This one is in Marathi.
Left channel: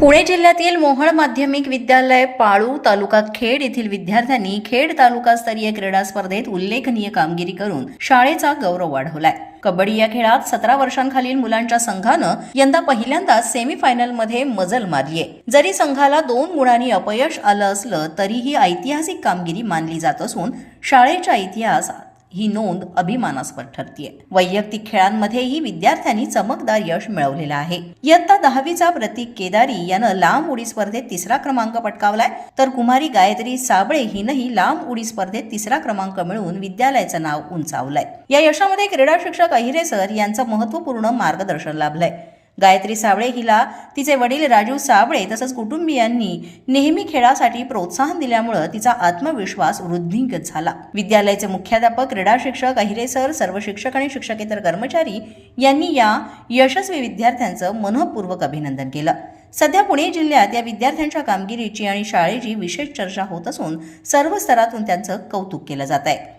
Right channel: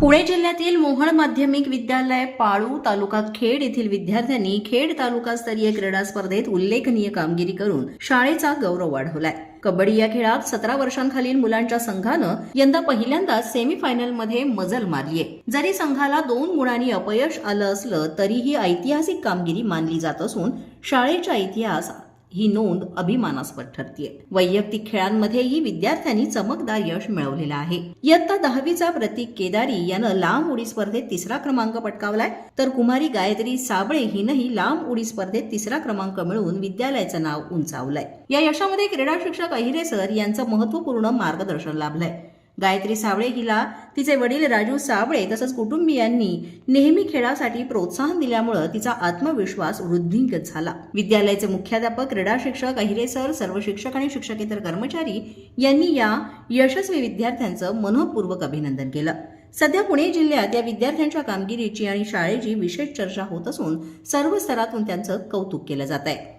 पुणे जिल्ह्यातील मोहळ माध्यमिक विद्यालय पाळू तालुका खेड येथील विद्यार्थ्यांनी खेड तालुकास्तरीय क्रीडा स्पर्धेत उल्लेखनीय कामगिरी करून शाळेचा गौरव वाढवलाय. कबड्डी या खेळात सतरा वर्षांखालील मुलांच्या संघानं यंदा पहिल्यांदाच सेमीफायनलमध्ये मजल मारलीय. जरी संघाला दोन गुणांनी अपयश आलं असलं तरीही ऐतिहासिक कामगिरी मानली जात असून शाळेच्या इतिहासात ही नोंद अभिमानास्पद ठरतीये. वैयक्तिक खेळांमध्येही विद्यार्थ्यांनी चमकदार यश मिळवलेलं आहे. इयत्ता दहावीचा प्रतीक केदारी यानं लांब उडी स्पर्धेत तिसरा क्रमांक पटकावलाय. तर कुमारी गायत्री साबळे हिनंही लांब उडी स्पर्धेत तिसरा क्रमांक मिळवून विद्यालयाचं नाव उंचावलंय. या यशामध्ये क्रीडा शिक्षक अहिरे सर यांचं महत्त्वपूर्ण मार्गदर्शन लाभलंय. गायत्री साबळे हिला तिचे वडील राजू साबळे तसंच कुटुंबियांनी नेहमी खेळासाठी प्रोत्साहन दिल्यामुळं तिचा आत्मविश्वास वृद्धिंगत झाला. विद्यालयाचे मुख्याध्यापक क्रीडा शिक्षक अहिरे सर सर्व शिक्षक आणि शिक्षकेतर कर्मचारी यांनी या यशस्वी विद्यार्थ्यांचं मनःपूर्वक अभिनंदन केलं. सध्या पुणे जिल्ह्यात या विद्यार्थ्यांच्या कामगिरीची आणि शाळेची विशेष चर्चा होत असून सर्व स्तरातून त्यांचं कौतुक केलं जात आहे.